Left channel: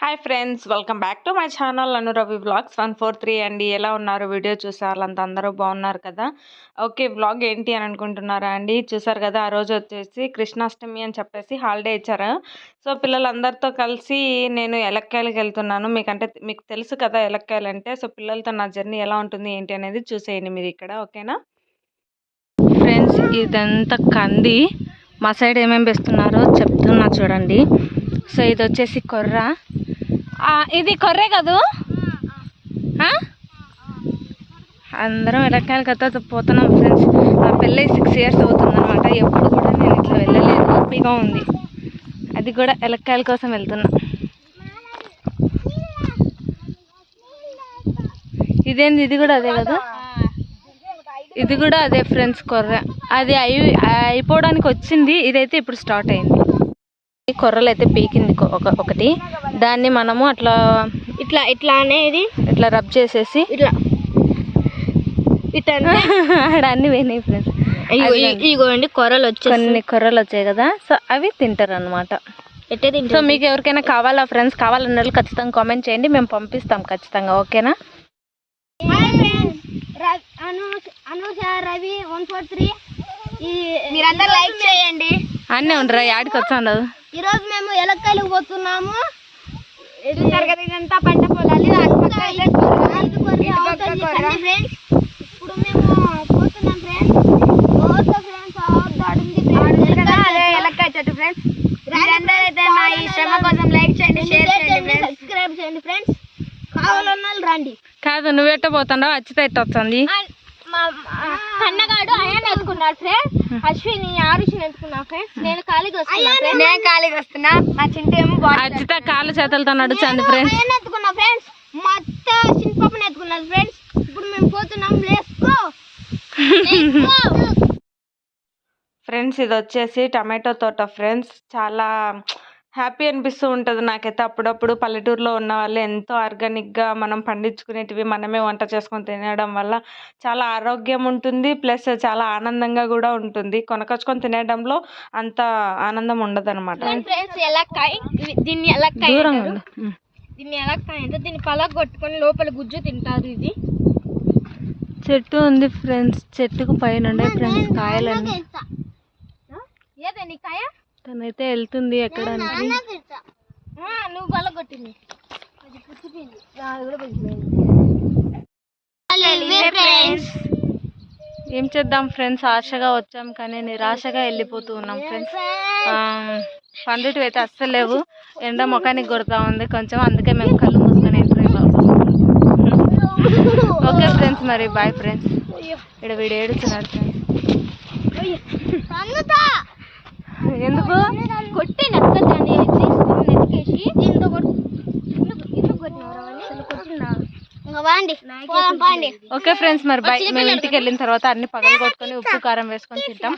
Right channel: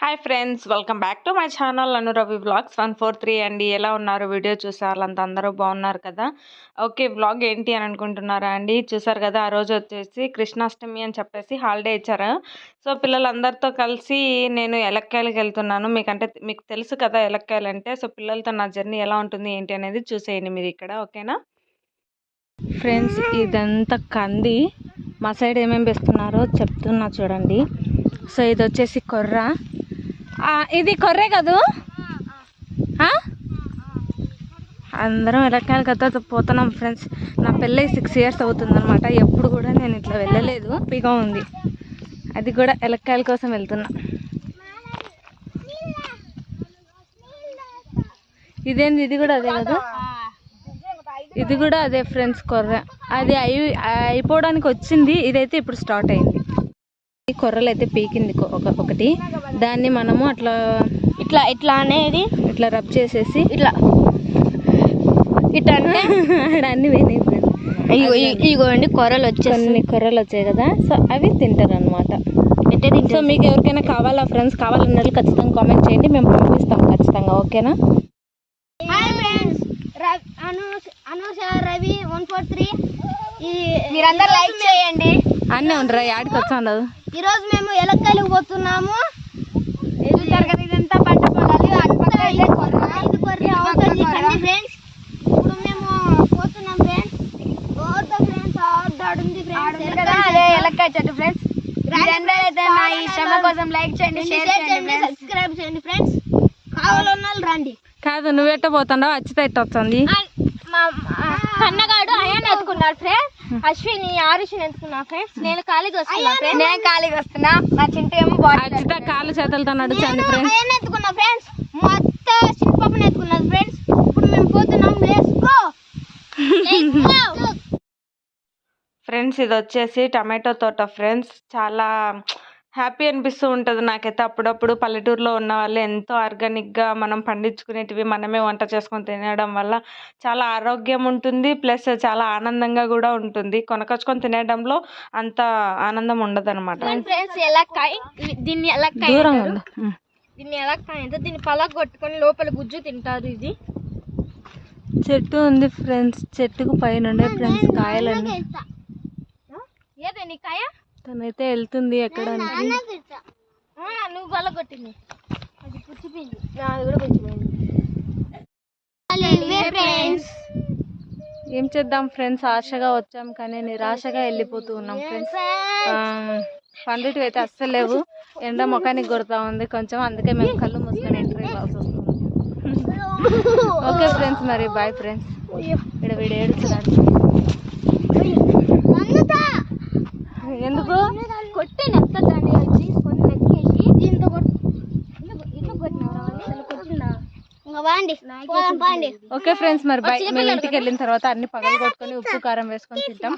Hi friends welcome back to my channel Anuravi vlogs one four three అండి ఎలా ఉన్నారు? Video చూసారు? అంత అందరూ బాగున్నారు కదా? ఓకే వ్లాగ్ ఏంటి అని అనుకుంటున్నారా అండి? చూసారు కదా ఆ రోజు వచ్చేసి కృష్ణాష్టమి అని చెప్పేసి హాలిడే ఇచ్చారు. సో పిల్లలందరితో కలిసి నేను ఎలక్కాయలకి వెళ్తున్నాను. మీకంటే మీకు తెలుసు కదా ఎలక్కాయలు అంటే. సో పిల్లలతో నా జర్నీ ఎలా ఉంటుంది ఏంటి అనేది చూసేయండి మీరు ఇక్కడ ఓకేనా ఫ్రెండ్స్ ఇదంతా కంది. మా సైడ్ ఏమేమి వేస్తున్నారో చెప్తున్నా చూడండి. సో ఇది వచ్చేసి కొర్ర. ఇది కొర్రే కదూ? అందరం ఎలక్ట్రానిక్ కథ పోతున్నాం ఫ్రెండ్స్. నా పెళ్ళి సిక్స్ ఇయర్స్ అవుతుందన్నమాట. ఎప్పుడు కూడా నేను ఇట్లా వెళ్ళలేదు హ్యాపీగా ఉంది. అది కూడా ఎలక్కాయల కోసం వెళ్తున్నా. ఇదేంది? ఇది కూడా అదే కదా? ఇది కూడా అదే ఫ్రెండ్స్ కొర్ర. అది అయి అయిపోవడానికి వచ్చింది. ఇదైతే ఇప్పుడు స్టార్ట్ అయింది. కొర్రలు అయితే పీకింది ఒక ఒకటి. దాన్ని మనము అట్లా ఇట్లా ఇట్లా అనేది ఇట్లా రబ్ చేసేసి ఇట్లా. ఇట్లా అన్ని పోయినాయి ఫ్రెండ్స్ ఇగోండి కొరలు వచ్చి కొన్ని కొర్రలు వచ్చాయి కదా సో అవి తింటారు? అనమాట సో మీకు ఎవరికైనా కావాలా ఫ్రెండ్స్ కావాలన్న వాళ్ళు ఖచ్చితంగా కామెంట్ చేయండి మేము పంపిస్తాం ఖచ్చితంగా ఓకేనా? Hi friends Anusha Ravi one four three మీరందరూ లైక్ చేయండి. అన్నీ ఉండరా యాడికి వచ్చాను ఈరోజు మేము ఎలక్కలు పోతున్నాము. చూసారు కదా ఇదంతా పంట పొలాలు. ఐదు కొర్రె అవుతుంది కండి ఫ్రెండ్స్ ఇప్పుడు మేము పోతున్నాం ఫ్రెండ్స్ ఫ్రెండ్స్ ఆడుంది ఎలక్కాయ చెట్టు ఫ్రెండ్స్ ఈ శ్రమ కోసం లైక్ చేయండి షేర్ చేయండి సబ్స్క్రైబ్ చేయండి ఫ్రెండ్స్ కావాలన్న వాళ్ళు రండి. కాదు నువ్వెట్ట పోతాడో అచ్చిత ఎట్ట వస్తుంది కన్నగాడు అయాన్ ఎత్తుకున్నాడు ఫ్రెండ్స్ అశ్విని ఆరుషిని ఎత్తుకున్నా ఫ్రెండ్స్ నేను ఖాళీగా వస్తున్నా ఫ్రెండ్స్ నేను ఖాళీగా వస్తున్నా. మా చింత ఏమో అచ్చిత కాలు చేతులతో నడుచండి ఫ్రెండ్స్ అయాన్ ఎత్తుకున్నా ఫ్రెండ్స్ మొత్తం చిన్నపాపని ఎత్తుకున్నది ఫ్రెండ్స్ ఇప్పుడు మేము పోతున్నాం. లెట్స్ గో ఫ్రెండ్స్ ఇది వచ్చేసి టమాటో తోట ఫ్రెండ్స్ చాలా హ్యాపీ అనిపిస్తూ ఉంటుంది నాకైతే. అప్పుడప్పుడు పల్లెటూరులో ఉన్న వాళ్ళు ఎంతో ఆర్గానిక్గా మనం పండించుకునేటివి మనమే వంట చేసుకొని తినడం వల్ల చాలా ఆరోగ్యం ఉంటుంది ప్లస్ చాలా ఆనందంగా కూడా ఉంటుంది. కొనకొచ్చుకొని తినడంలో అంత ఆనందం ఉండదు అనమాట దీన్ని ఎలక్కాయ దీన్ని ఎలక్కాయ అంటే దీన్ని పలగ కొట్టుకొని లోపల గుజ్జు తింటారు ఇది. చెట్టు ఉంది ఫ్రెండ్స్. చెట్టుకు పైన ఉండే ఫ్రెండ్స్ కాయలన్నీ. కాయ? తనైతే వెళ్తుంది ఎక్కడానికి. ఆ, నువ్వు పలగ కొట్టింది. అది పుచ్చిపోయింది అది కూడా పుచ్చిపోయింది ఫ్రెండ్స్ ఏం చేద్దాం ఫ్రెండ్స్? ఆశగా వచ్చాం కానీ నిరాశగా వెళ్ళిపోతూ ఉన్నాం ఫ్రెండ్స్. పండుటి అయితే అస్సలు లేవు. ఎండ ముఖానికి కొడతా ఉంది. కొంచెం అందుకే మేము కళ్ళు మూసుకొని ఎంటర్ ఓకే ఫ్రెండ్స్ మరి బాయ్ ఫ్రెండ్స్ ఇక్కడ వీడు ఏడుస్తున్నాడు పోదాం పాండి. ఓకే ఫ్రెండ్స్ మరి బాయ్ మేము ఇంటికి వెళ్ళిన తర్వాత అన్ని పగలు కొట్టుకొని ఉప్పు కారం వేసుకొని తింటాం.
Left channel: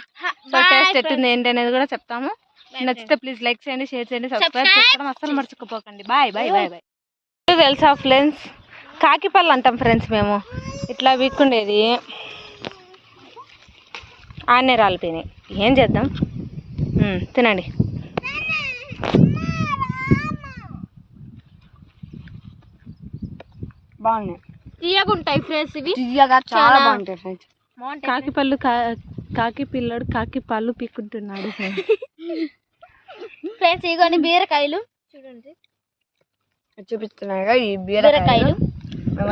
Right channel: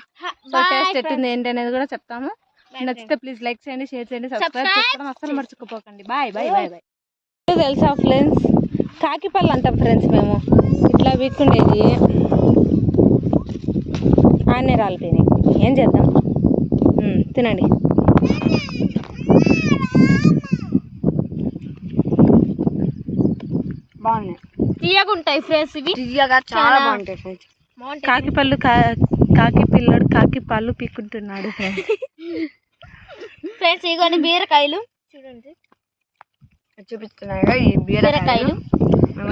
సో టేస్ట్ ఎట్టుంది ఏంటి అనేది కూడా చెప్తాము. నచ్చితే ప్లీజ్ లైక్ చేయండి షేర్ చేయండి సబ్స్క్రైబ్ చేసుకోవడం అస్సలు మర్చిపోకండి. Bye bye bye bye. తెలుసా ఫ్రెండ్స్? కాకిపళ్ళు అంటాం ఫ్రెండ్స్ మేము. ఇట్లా వీక్కుండేది ఆనే రాలిపోయినాయి ఏం చేద్దాం? తినండి. బాగున్నాయి. తీయగా ఉంటాయి ఫ్రెండ్స్ ఇవి చాలా బాగుంటాయి ఫ్రెండ్స్ కాకి పళ్ళు కాకి పిల్లడు కాకి పళ్ళు పీక్కుంటున్నాడు ఫ్రెండ్స్ ఇగోని బీరకాయలు. చూడండి. చూపిస్తున్నాయి ఈ బీరకాయలు.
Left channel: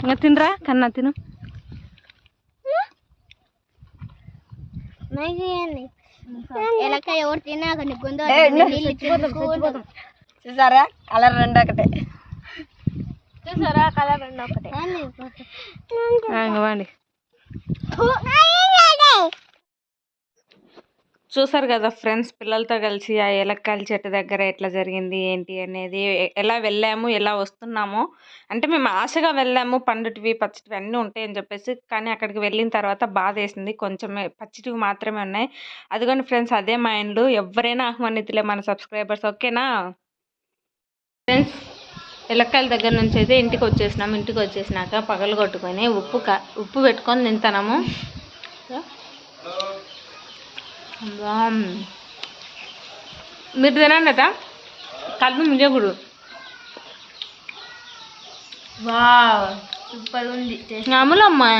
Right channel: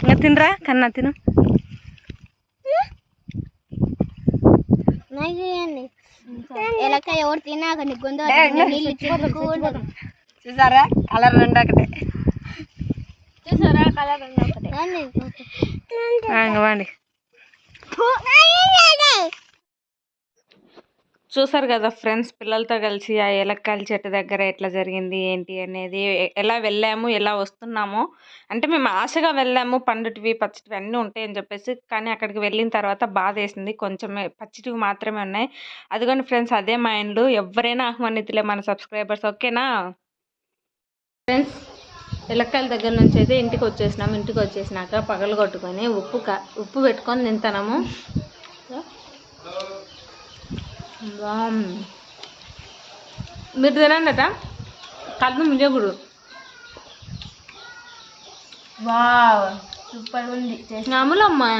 ఇంకా తినరా? కన్నా తిను. ఎలకాయ ఎవరు తిన్నాక నీ గొంతు చూసారా? కలర్ రెండు ఒకటే చూసారా? కలర్ రెండు ఒకటే వండి. చూసారు కదా ఫ్రెండ్స్ పిల్లలతో కలిసి ఆ ఏలక్కాయల చెట్టు దగ్గర ఎట్లా జరిగింది ఏంటి అనేది ఎలా వెళ్ళాము ఎలా వస్తున్నాము. అంటే మేము ఆశగా వెళ్ళాము పండుటివి పచ్చిటివి అన్నీ ఉంటాయని చెప్పేసి కానీ అక్కడికి వెళ్ళిన తర్వాత బాధ వేసింది. కొంచెమే పచ్చిటివి మాత్రమే ఉన్నాయి. అదిగోండి ఫ్రెండ్స్ అదే మా ఇండ్లు. ఎవరైనా ఆహ్వానితులే మన సబ్స్క్రైబర్స్ ఓకేనా? ఫ్రెండ్స్ ఎలక్కాయల దగ్గర నుంచి అయితే ఇంటికి వచ్చేసినాము. ఇంటికి వచ్చేసినాక పగలు కొట్టుకొని ఉప్పు ఉప్పు పెట్టుకొని తింటాము. మీరు తినండి అట కళ్ళు ముంజగుడు వావ్ సూపర్ ఉంది. టేస్ట్. నమ్మలమ్మా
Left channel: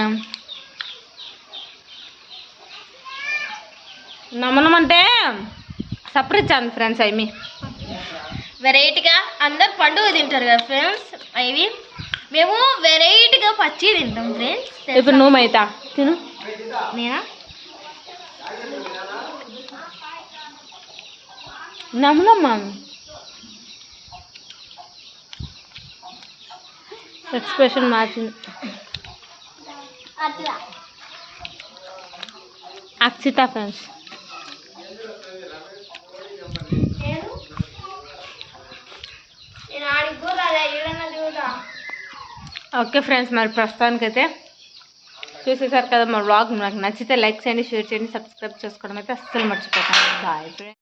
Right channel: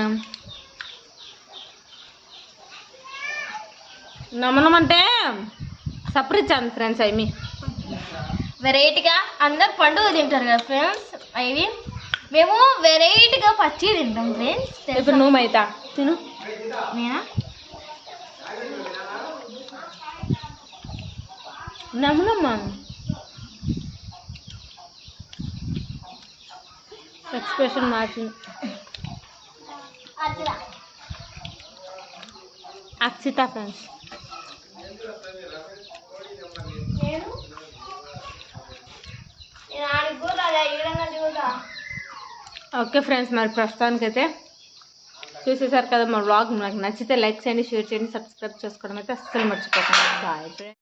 నమ్మలం అంటే సపరేట్ ఫ్రెండ్స్ అవి వెరైటీగా అందరు పండుగ తింటారు కదా ఫ్రెండ్స్ అవి మేము వెరైటీగా పచ్చి తింటాం ఫ్రెండ్స్ ఇప్పుడు నువ్వు మైతా తిను. నేనా? నమ్మలమ్మా ఎక్స్ప్రెషన్ మార్చింది. అక్షిత ఫ్రెండ్స్ నేను నేను ఆడికి కూడా అదే ఈడన్నా చూడా ఓకే ఫ్రెండ్స్ మరి ప్రస్తుతానికైతే చూసేసారు కదా మా వ్లాగ్. నాకు నచ్చితే లైక్ చేయండి షేర్ చేయండి సబ్స్క్రైబ్ చేసుకోవడం అయితే అస్సలు మర్చిపోకండి. Bye friends.